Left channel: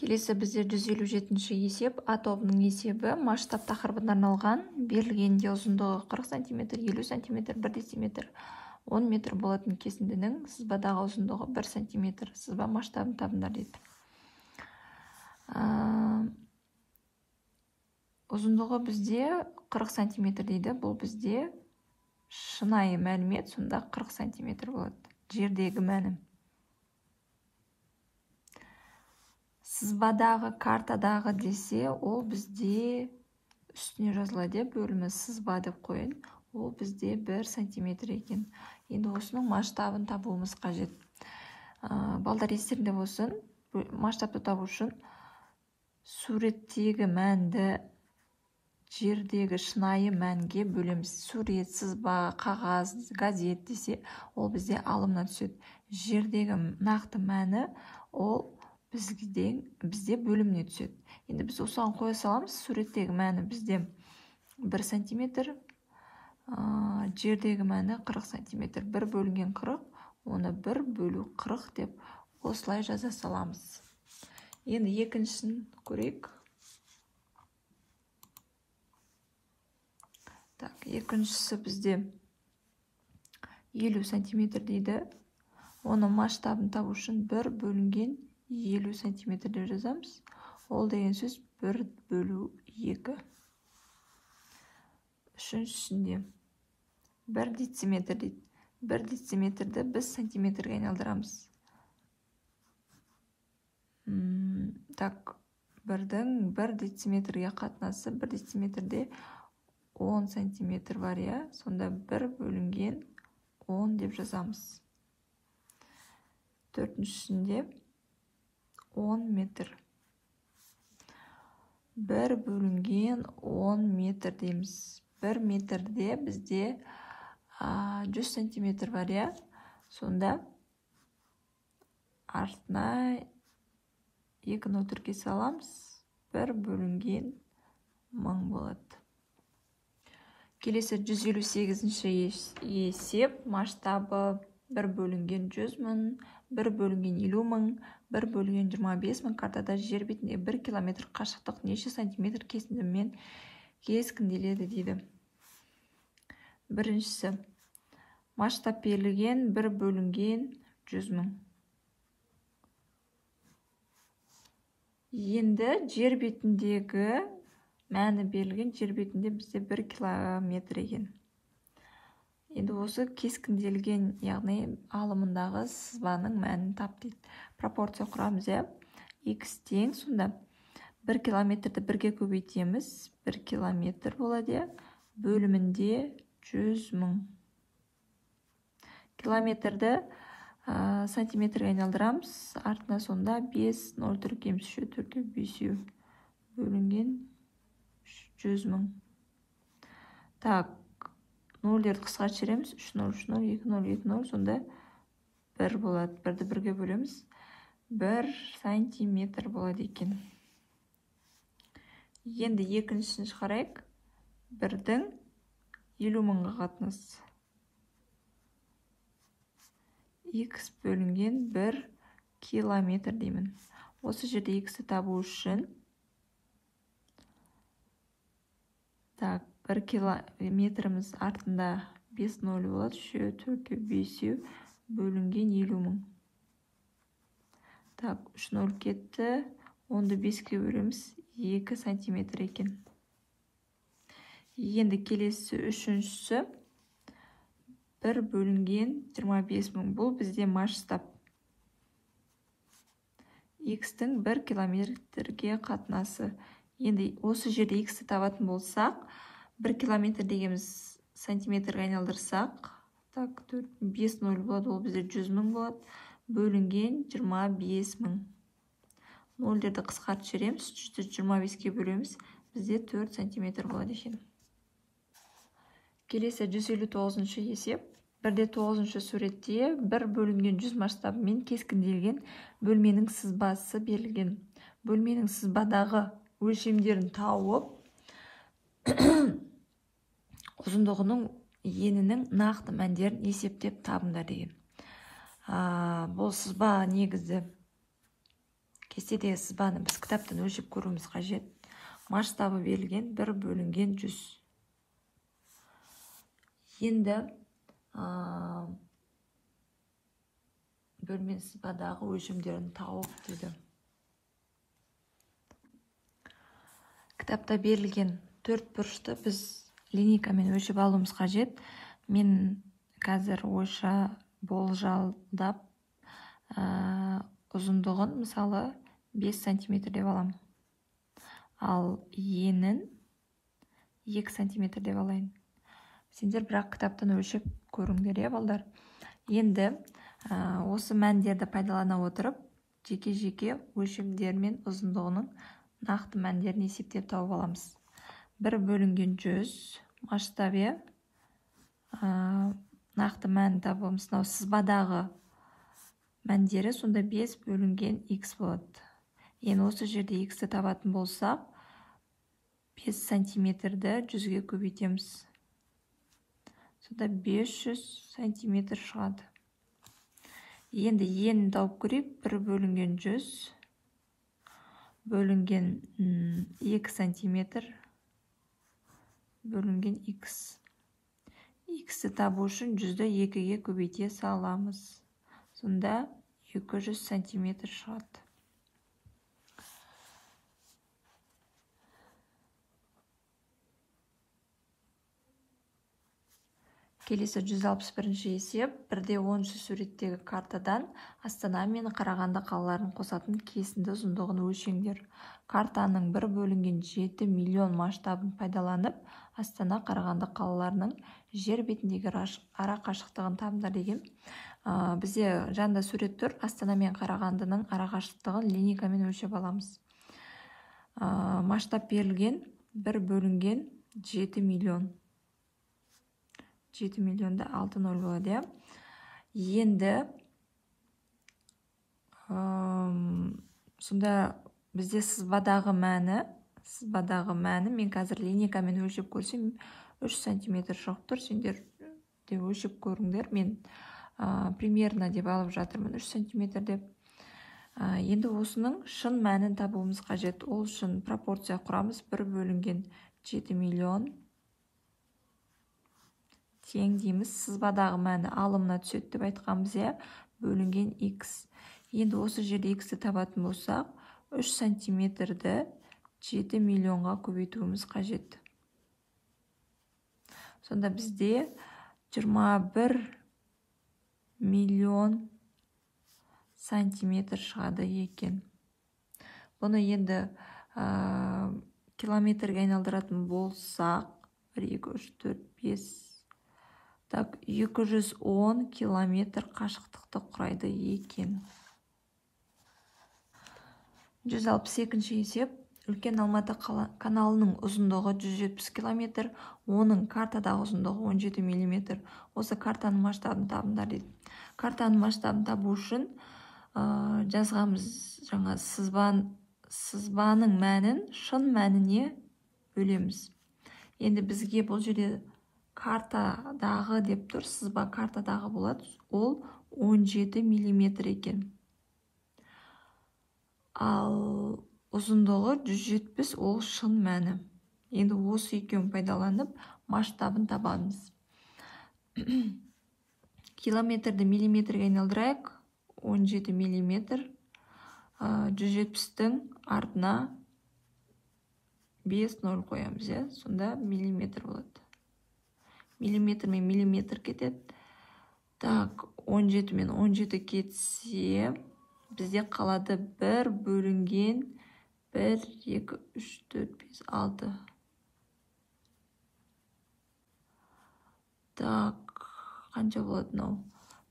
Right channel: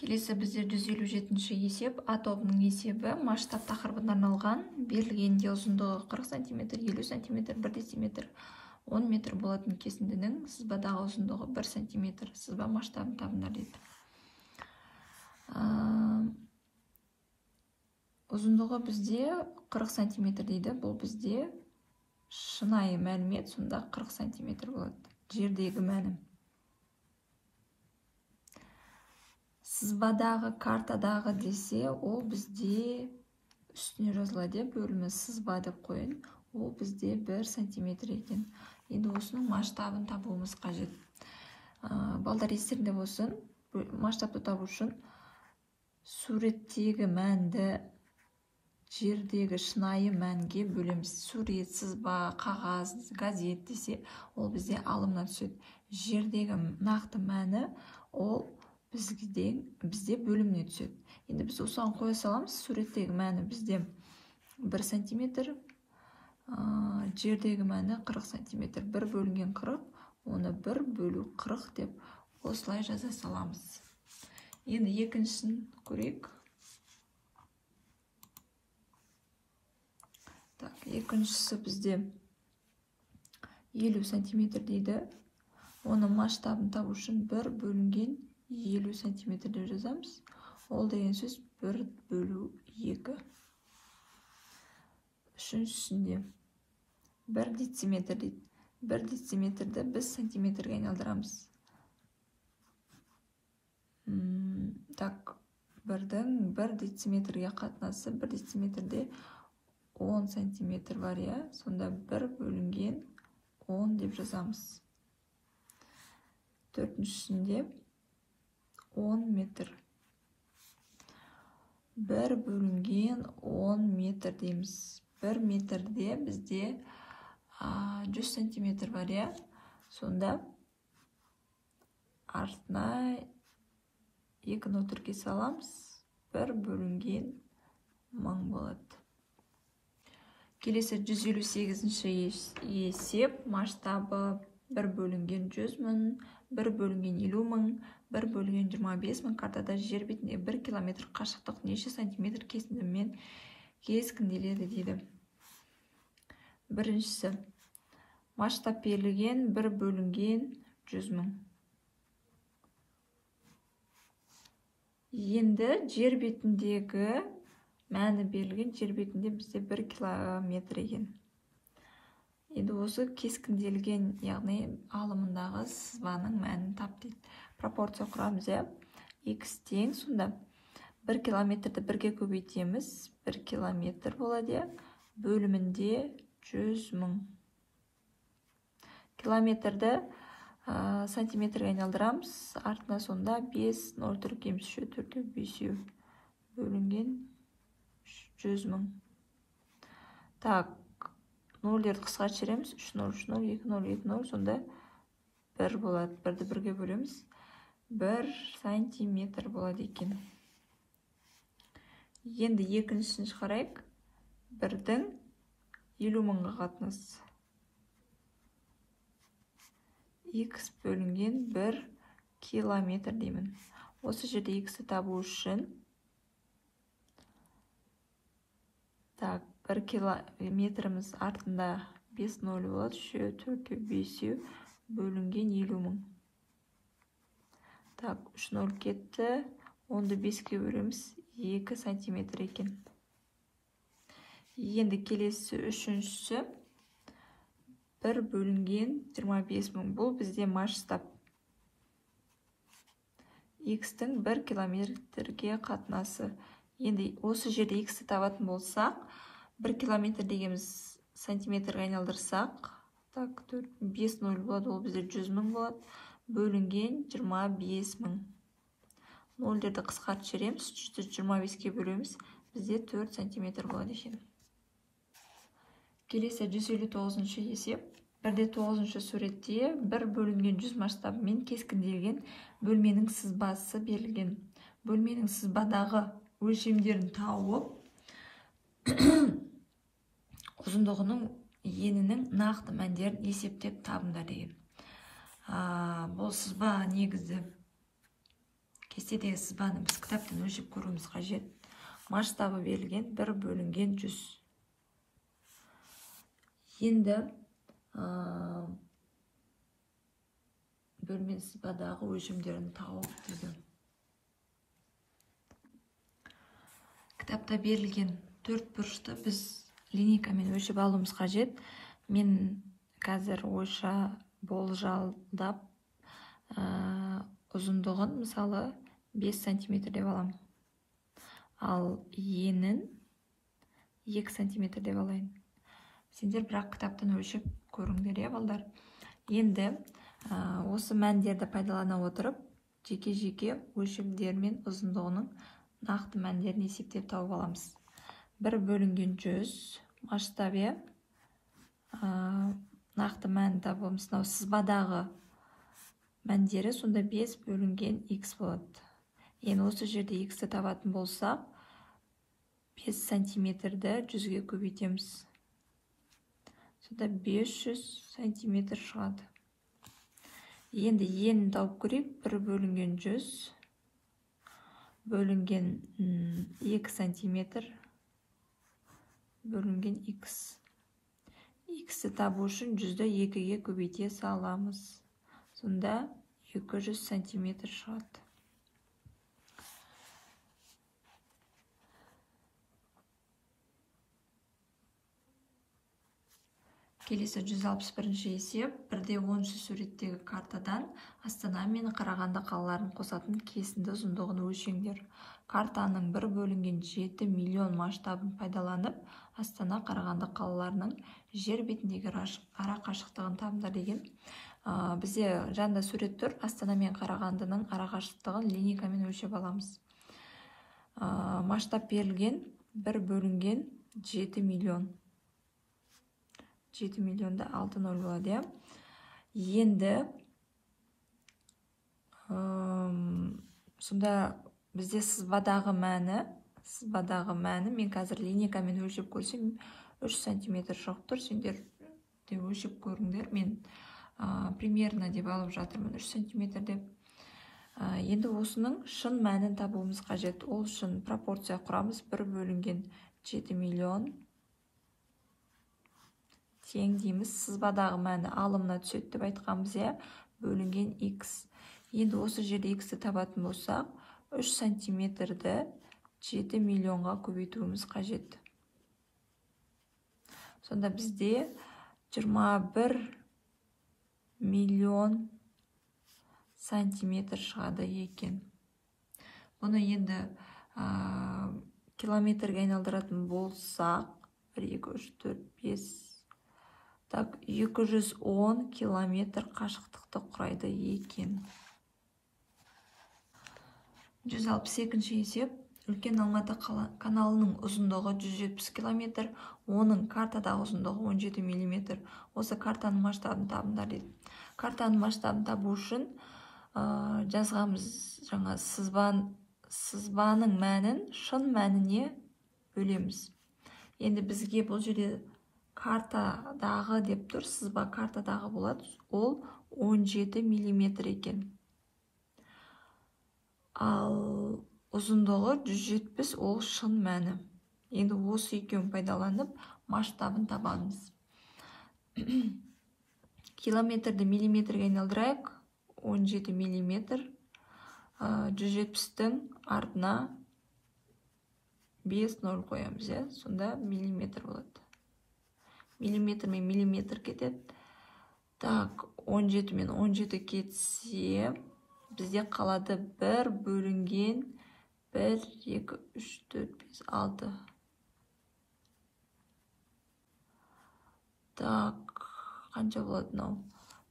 Келесі бізде 157-ші есеп, атобның есебі масштаб тақырыбына арналған, берілгенде ұзындығы 40 см, 50 см, 1 дециметр, 10 метр болатын кесіндінің сызбадағы ұзындығы 1 см. Сызба масштабын табыңдар дейді. Ұзындығы бізде 40 см дейді. Бұл бізде шынайы мәлімет, сонда 40 см болады. Жердегі мәні. Сызбадағы, картадағы десе, ол бізде үстіне жазылады, бөлімі сызба деп қойын. Ол бізде 1 см екен. Енді осының масштабын табуымыз қажет. Балдар естерінде болсын, масштабты табу үшін суреттегі мәнді жердегі шынайы мәнге бөлеміз. Сурет, сызба, қағаз, газет десе, ол бізде алымнан түседі. Жердегі нақты мәні ол бізде бөліміне түседі. Енді біз осыған қоя саламыз. Суреттегі мәні бізде 1 см, жердегі мәні 40 см. 1 бөлінген 40, оны 1 бөлу 40 деп осылай жаза саламыз. Енді екіншісін көрейік. Екіншісі бізде 50 см дейді. Оның масштабын табу үшін 1 бөлінген 50 см деп жазамыз. Ол деген сөз 1 бөлу 2. Үшіншісінде 1 дециметр дейді. 1 дециметрді біз сантиметрге айналдырамыз. Бірдің 1 дециметрге қатынасы 1 дециметрде 10 сантиметр бар, я? Сонда 1 бөлінген 10 деп жазамыз. Төртіншісінде 10 метр. 1 бөлінген 10 метр дейміз. 1 метрде бізде 100 сантиметр бар, я? Сонда артына 2-ні өтірге саламыз. 1 бөлінген 1000 болады. Келесі 158-ші есеп, масштабы 1 бөлінген 100 000, 1 бөлінген 50 000, 1 бөлінген 25 000, картада жер бетінде 1 километр қашықтық неше сантиметр кесіндімен кескінделеді дейді. Біріншісі, масштаб берілген 1 бөлінген 100 000. Енді жер бетіндегі мәні берілген, жер бетінде бізде 1 километр екен. Енді осы кескінделген, яғни алымындағы сызбаның мәнін тап дейді. Пропорция құрамыз, x тең, сонда 1 километрді 1-ге көбейтеміз, 1 километр болады, бөлімінде 100 000. Километрді сантиметрге айналдырамыз, артына сонда 5 0 түркеміз, 5 бөлінген 100 000. Так, нөлдерді қысқа шереміз, 3 0, 3 0, 2 0, 2 0, сонда 1 болады. 1-ді 1-ге бөлеміз, 1 сантиметр болады екен. Енді екіншісін шығарайық. 1-дің 50 000-ға қатынасы. X бөлінген 1 километр деймін. Осы жерде X-ті табу үшін 1 километріміз артында 5 0 болады. 5 бөлінген 50 000. 3 0 кетті. 10-ды 5-ке бөлеміз, 2 сантиметр екен. Енді келесі үшіншісі 1 бөлінген 25 000. Бұл бізде масштаб. X-тің 1 километрге қатынасы. Енді осы жерде X-ті табатын болсақ, 1 километр дегеніміз сантиметрге айналдырсақ, 5 0 болады, ол бізде 100 000 болады, бөлінген 25 000. Нөлдерді қысқартып жібереміз, 25-ке бөлеміз, бізде 4 сантиметр болады екен. Келесі 159-ші есеп. 1-9-ші суретте 1 бөлінген 100 масштабымен кескінделген бөлменің сызбасы берілген. Бөлменің сызбадағы өлшемдерін тауып, ұзындығының енінің нақты мәндерін есептеп табыңдар деген. Бұл сызба негізі Кестедегі сызбаны біз кітаптан өлшеп көруіміз қажет. Масштабы берілген 1 бөлінген 100. Енді бөлме сызбадағы өлшемдерін тауып дейді. Кітапта берілген 4 бұрышты біз линейкамен өлшеп алуымыз қажет. Мен қазір ойша болжалдап ұзындығын мысалы 5 сантиметр деп аламын. Ал енін 2 сантиметр деп алайын. Сендер бірақ кітаптан өлшеп көріңдер, балдар. Енді осы мәндерді пайдалана отырып, жеке-жеке өлшемдер мен ұзындығының нақты мәндерін есептеп тауып аламыз. 1 бөлінген 100 масштабы нақты мәнін табамыз. Сызбадағы мәндері сонда 5 бөлінген x болады. Енді осы жерде x-ті табатын болсақ, 5 сантиметрді 100-ге көбейтеміз. Сонда 500 сантиметр шығады. Енді енін тауып көрейік. 1 бөлінген 100 бөлінген 2 сантиметр бөлінген x. X-ті табу үшін 100-ді 2-ге көбейте саламыз. Сонда 200 сантиметр шығады. Келесі 161-ші есеп. 1/10 суреттегі картадан Астана мен Қарағанды қалаларын қосатын кесінді ұзындығын өлшеңдер. Картаның 1 бөлінген 7 миллион масштабын пайдаланып, Астана Қарағанды қалаларының жер бетіндегі ара қашықтығын табыңдар деген. Бізде жанында сурет тұр. Астана мен Қарағандының ара қашықтығын линейкамен өлшеп аламыз. Масштаб берілген 1 бөлінген 7 миллион. 7 миллионда 6 нөл болады. Енді сонда бізде сызбадағы мәні мен қазір линейкамен өлшеп көрсем 3 сантиметр шығып тұр. Сендер де өлшеп көріңдер. Мен примерно деп алып жатырмын 3 сантиметр деп. Енді осының шын мәнін табуымыз қажет. Ол үшін пропорция құрамыз. 1 бөлінген 7 миллион тең дейміз. Сызбадағы мәні алымына түседі деп айтқанбыз, бөлінген x. Енді осы жерде x-ті табатын болсақ, 3 сантиметрді 7 миллионға көбейтуіміз қажет. Сонда бізде 21 миллион сантиметр шығады екен. Бұны енді километрге айналдыратын болсақ, 1, 2, 3, 4, 5, 210 километр қашықтықты құрайды екен. 162-ші есеп. Үлкен Алматы каналының ұзындығы 170 километр, оның картадағы ұзындығы 17 миллиметр. Осы картаның масштабын табыңдар дейді. Картаның масштабын табу үшін жазғамыз жаңа сызбаның мәнін шын мәніне бөлеміз. Енді бізге бұл жерде картадағы деп тұр, сызба картадағы болады. Ол 17 миллиметр екен. Ал ұзындығы 170, ол шын мәні. Енді осы екеуін пайдаланып масштабын табамыз. Километрді миллиметрге айналдырайық. 17 миллиметр. 170-тің артына 5 нөл қоямыз. Сонда миллиметр болады. Миллиметр мен миллиметр кетеді. Так, 17 мен 17 кетсе, бізде қалады 1 бөлінген 1, 2, 3, 4, 5, 6. Так, қанша болады мынау?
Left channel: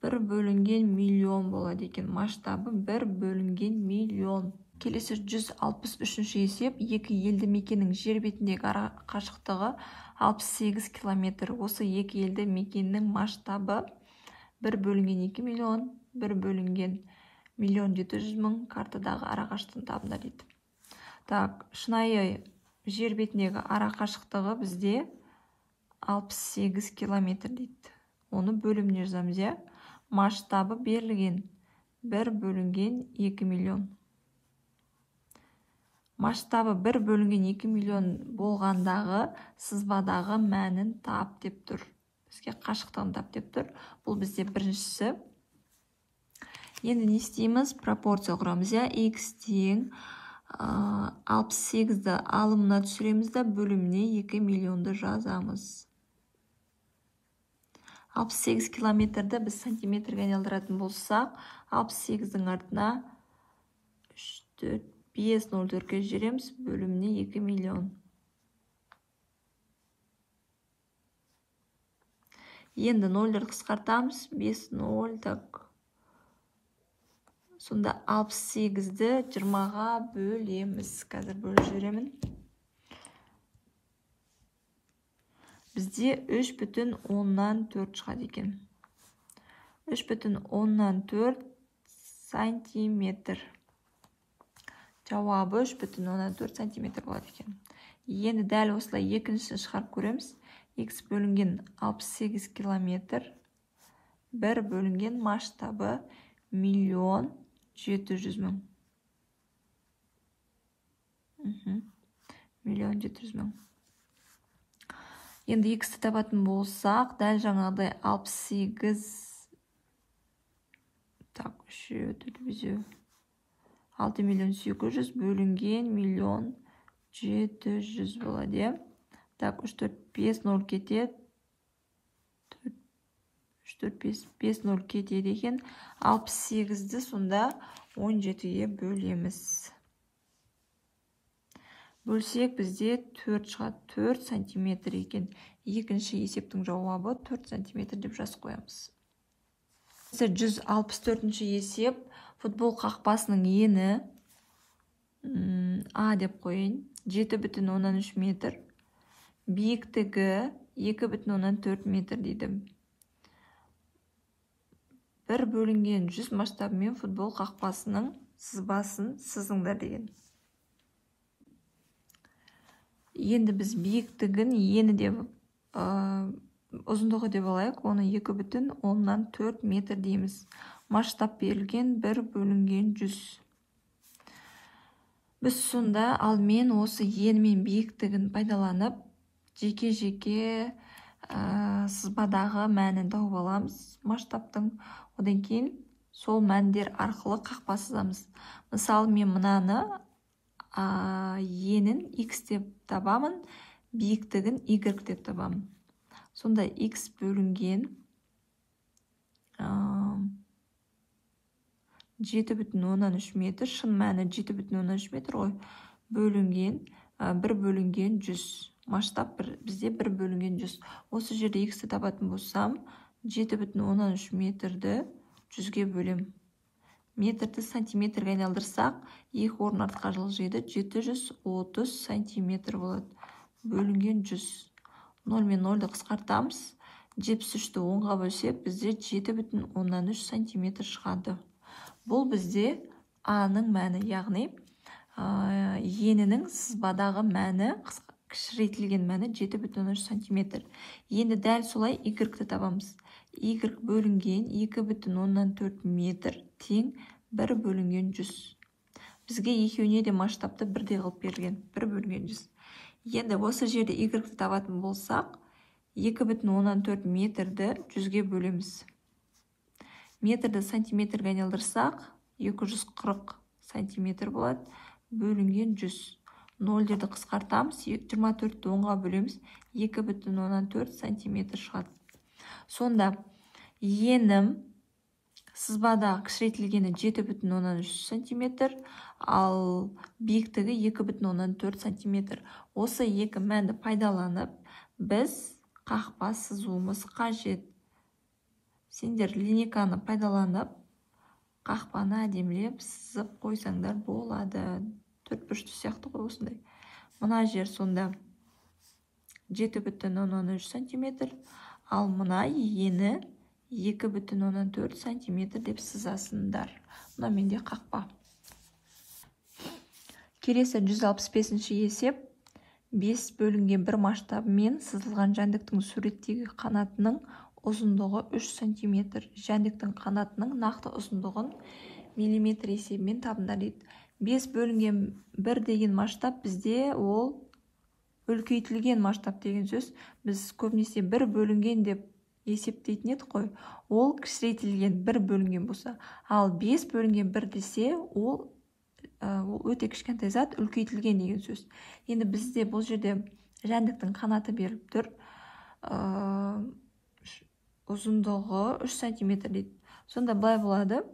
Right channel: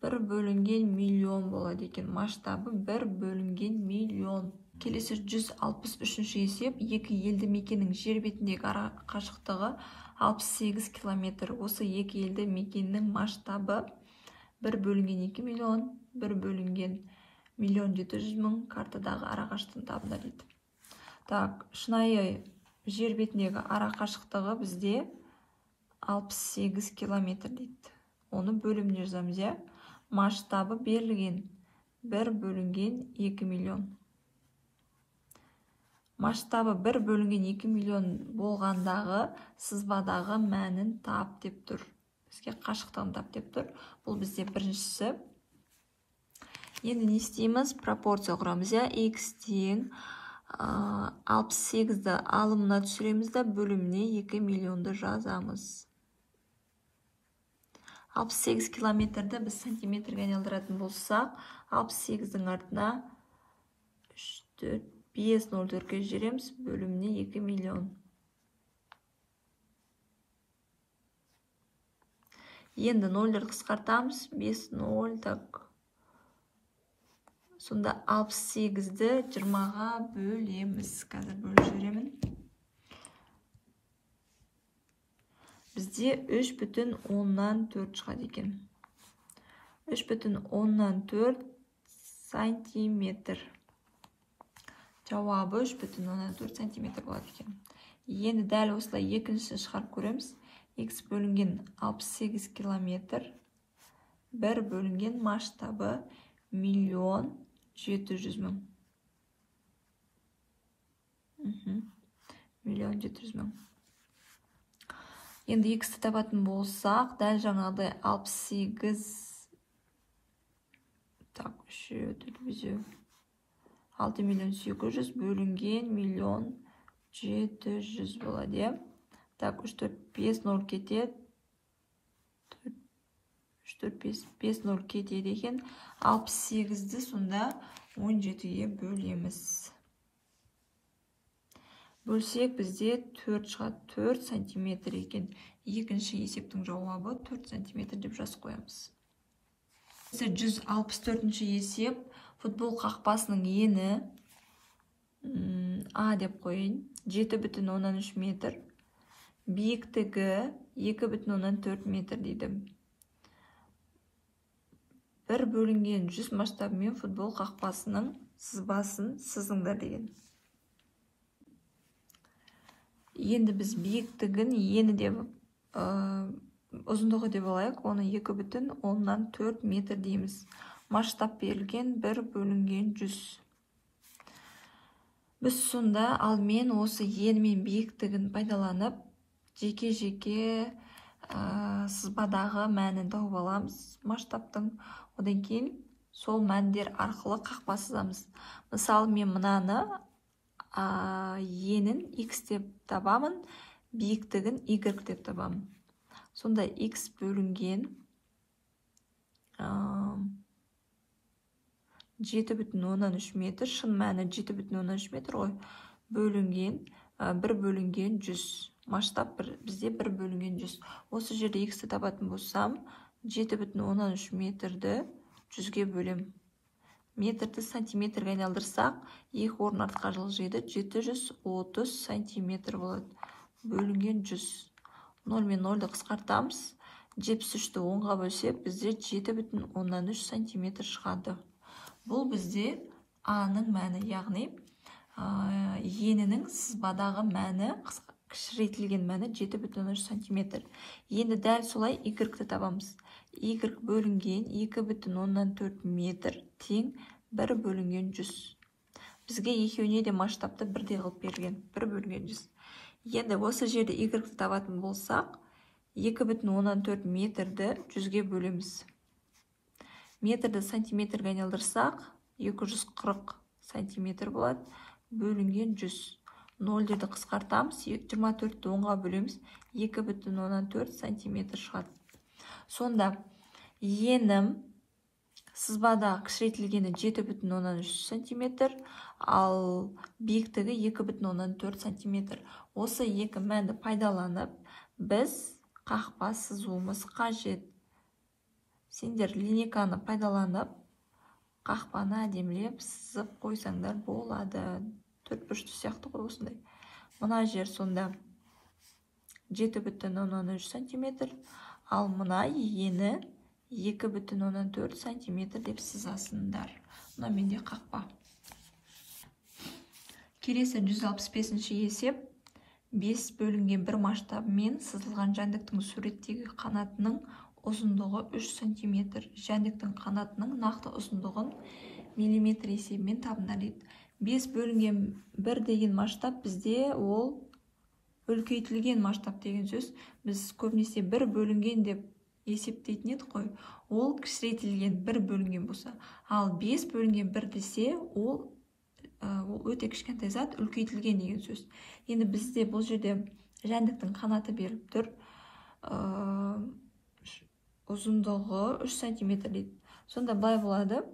1 бөлінген миллион болады екен. Масштабы 1 бөлінген миллион. Келесі 163-ші есеп. Екі елді мекеннің жер бетіндегі ара қашықтығы 68 километр. Осы екі елді мекеннің масштабы 1 бөлінген 2 миллион, 1 бөлінген 1.700.000 картадағы ара қашықтығын табыңдар дейді. Так, шынайы жер бетіндегі ара қашықтығы бізде 68 километр дейді. Оны бөліміне жазамыз, масштабы берілген 1 бөлінген 2 миллион. масштабы 1 бөлінген 2 миллион болғандағы сызбадағы мәнін тап деп тұр. Бізге қашықтығын тап деп тұр. Бұл бізде біріншісі. Енді не істейміз? Пропорция құрамыз. X тең 68-ді алымына түсіреміз да бөліміне 2 миллионды жазамыз. 68 километрді біз сантиметрге айналдыратын болсақ, 68-дің артына 5 0-4-ке жібереміз, бөліміне 2 миллион. Енді 0-ді қысқартамыз, 5 0 так. Сонда 68-ді 20-ға бөлеміз. Қазір бөліп жіберемін. Бізде 3,4 шығады екен. 3,4 сантиметр. Жауабы 3,4 сантиметр болады екен. Енді дәл осылай екіншісін шығарып көреміз. X бөлінген 68 километр. 1 бөлінген масштабы 1 700 000. 1 700 000. Енді X-ті табатын болсақ, дәл жаңағыдай 68 так, 6 миллион 800 бөлінген 1 700 болады. Так, 3 4 5 0 кетеді. 3 4 5 0 кетеді екен. 68-ді сонда 17-ге бөлеміз. Бөлсек бізде 4 шығады, 4 сантиметр екен. Екінші есептің жауабы 4 сантиметр деп жазып қоямыз. 164-ші есеп. Футбол қақпасының ені А деп қойын. 7,3 метр. Биіктігі 2,4 метр дейді. 1 бөлінген 100 масштабымен футбол қақпасының сызбасын сызыңдар деген. Енді біз биіктігін ені деп, ұзындығы деп алайық, оны 2,4 метр дейміз. Масштаб берілген 1 бөлінген 100. Біз сонда алмен осы ені мен биіктігін пайдаланып, жеке-жеке сызбадағы мәнін тауып аламыз масштабтың. Одан кейін сол мәндер арқылы қақпа сызамыз. Мысалы, мен мынаны енін X деп табамын, биіктігін Y деп табамын. Сонда X бөлінген 7,3 метр, шын мәні 7,3 метр ғой, бөлінген 1 бөлінген 100. Масштаб бізде 1 бөлінген 100. Осы жерде X-ті табатын болсам, 7,3 метрді 100-ге бөлем. Метрді сантиметрге айналдырсақ, екі орын артқа жылжиды, 730 сантиметр болады. Бөлінген 100. 0 мен 0-ді қысқартамыз. 73-ті 10-ға бөлсек, бізде 7,3 сантиметр шығады. Бұл бізде А-ның мәні, яғни енінің сызбадағы мәні, кішірейтілген мәні 7,3 сантиметр. Енді дәл солай Y-ті табамыз. Y бөлінген 2,4 метр тең 1 бөлінген 100. Бізге екеуіне де масштабты бірдей қылып берген, 1 бөлінген 100. Енді осы жерде Y-ті табатын болсақ, 2,4 метрді 100-ге бөлеміз. Метрді сантиметрге айналдырсақ, 240 сантиметр болады, бөлінген 100. 0-ді қысқартамыз, 24-ті 10-ға бөлеміз, 2,4 сантиметр шығады. Сонда енім сызбада кішірейтілгені 7,3 сантиметр, ал биіктігі 2,4 сантиметр. Осы екі мәнді пайдаланып, біз қақпа сызуымыз қажет. Сендер линейканы пайдаланып, қақпаны әдемілеп сызып қойсаңдар болады. 4 бұрышты сияқты ғой осындай. Мына жер сонда 7,3 сантиметр, ал мына ені 2,4 сантиметр деп сызасыңдар. Мына менде қақпа. Келесі 165-ші есеп. 5 бөлінген 1 масштабымен сызылған жәндіктің суреттегі қанатының ұзындығы 3 сантиметр. Жәндіктің қанатының нақты ұзындығын миллиметр есебімен табыңдар дейді. 5 бөлінген 1 деген масштаб бізде ол үлкейтілген масштаб деген сөз. Біз көбінесе 1 бөлінген деп есептейтін едік қой. Ол кішірейтілген 1 бөлінген болса. Ал 5 бөлінген 1 десе, ол өте кішкентай зат үлкейтілген деген сөз. Енді бізде бұл жерде жәндіктің қанаты беріліп тұр. Ұзындығы 3 см дейді. Сонда былай болады.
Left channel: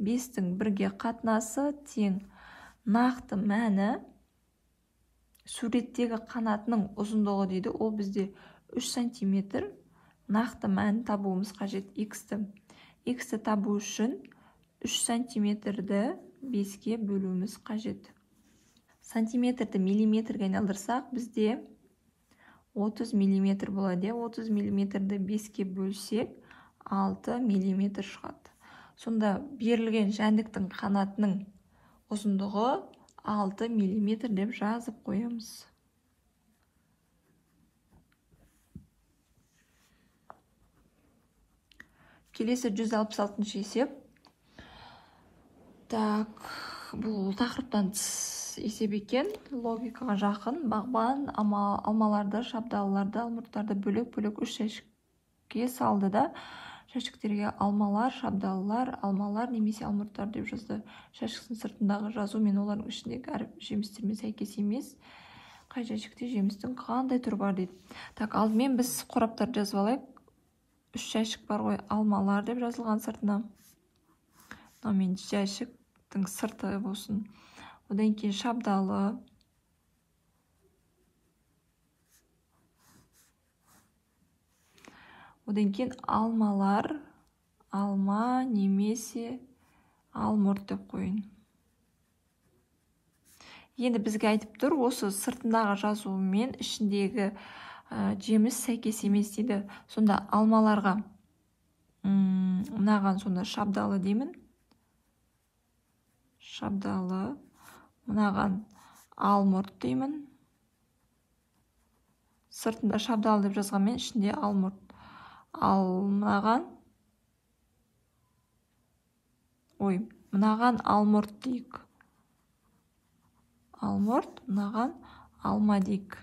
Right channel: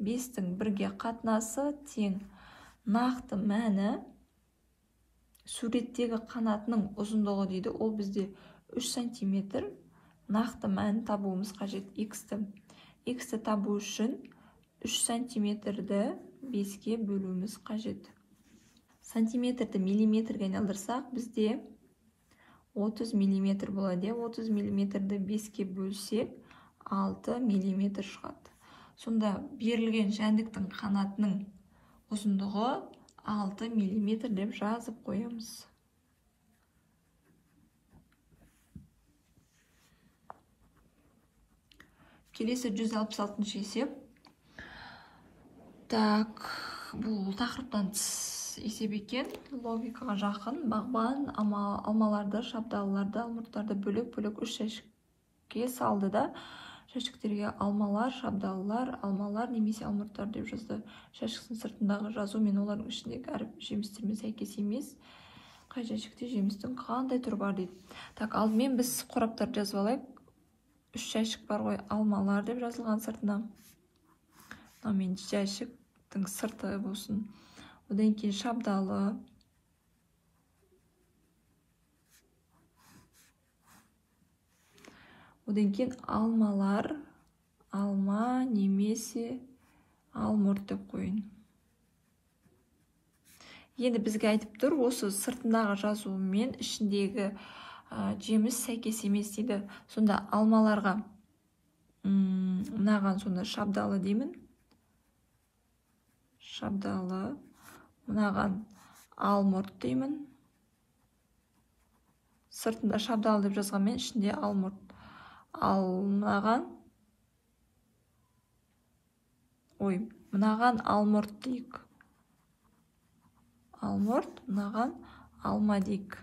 5-тің 1-ге қатынасы тең нақты мәні суреттегі қанатының ұзындығы дейді. Ол бізде 3 см. Нақты мәні табуымыз қажет. X-ті табу үшін 3 см-ді 5-ге бөлуіміз қажет. Сантиметрді миллиметрге айналдырсақ, бізде 30 мм болады. 30 мм-ді 5-ге бөлсек, 6 мм шығады. Сонда берілген жәндіктің қанатының ұзындығы 6 мм деп жазып қоямыз. Келесі 166-шы есеп. Так, бұл тақырыптан тыс есеп екен. Логикаға жақын. Бағбан алмаларды, шабдалыларды, алмұрттарды бөлек-бөлек 3 жәшікке салды да, жәшіктерге алмалар, шабдалылар, алмалар немесе алмұрттар деп жазды. Жәшіктің сыртындағы жазу мен олардың ішіндегі жемістермен сәйкес емес. Қай жәшікте жемістің қандай түрі бар дейді. Так, алдымен біз қораптарды жазып алайық. 3 жәшік бар ғой, алмалар деп жазылған сыртына. Мен жәшіктің сырты болсын. Одан кейін шабдалы. Одан кейін алмалар, алма немесе алмұрт деп қойын. Енді бізге айтып тұр, осы сыртындағы жазу мен ішіндегі жеміс сәйкес емес дейді. Сонда алмаларға мынаған сонда шабдалы деймін. Шабдалы. Мынаған алмұрт деймін. Сыртында шабдалы деп жазғанмен ішінде алмұрт. Мынаған алмұрт дейік. Алмұрт, мынаған алма дейік.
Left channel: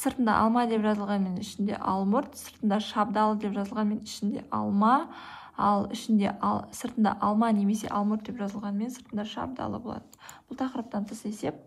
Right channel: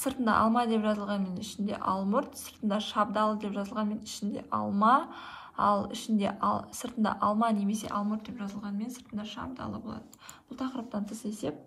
Сыртында алма деп жазылғанмен ішінде алмұрт, сыртында шабдалы деп жазылғанмен ішінде алма, ал сыртында алма немесе алмұрт деп жазылғанмен сыртында шабдалы болады. Бұл тақырыптан тыс есеп.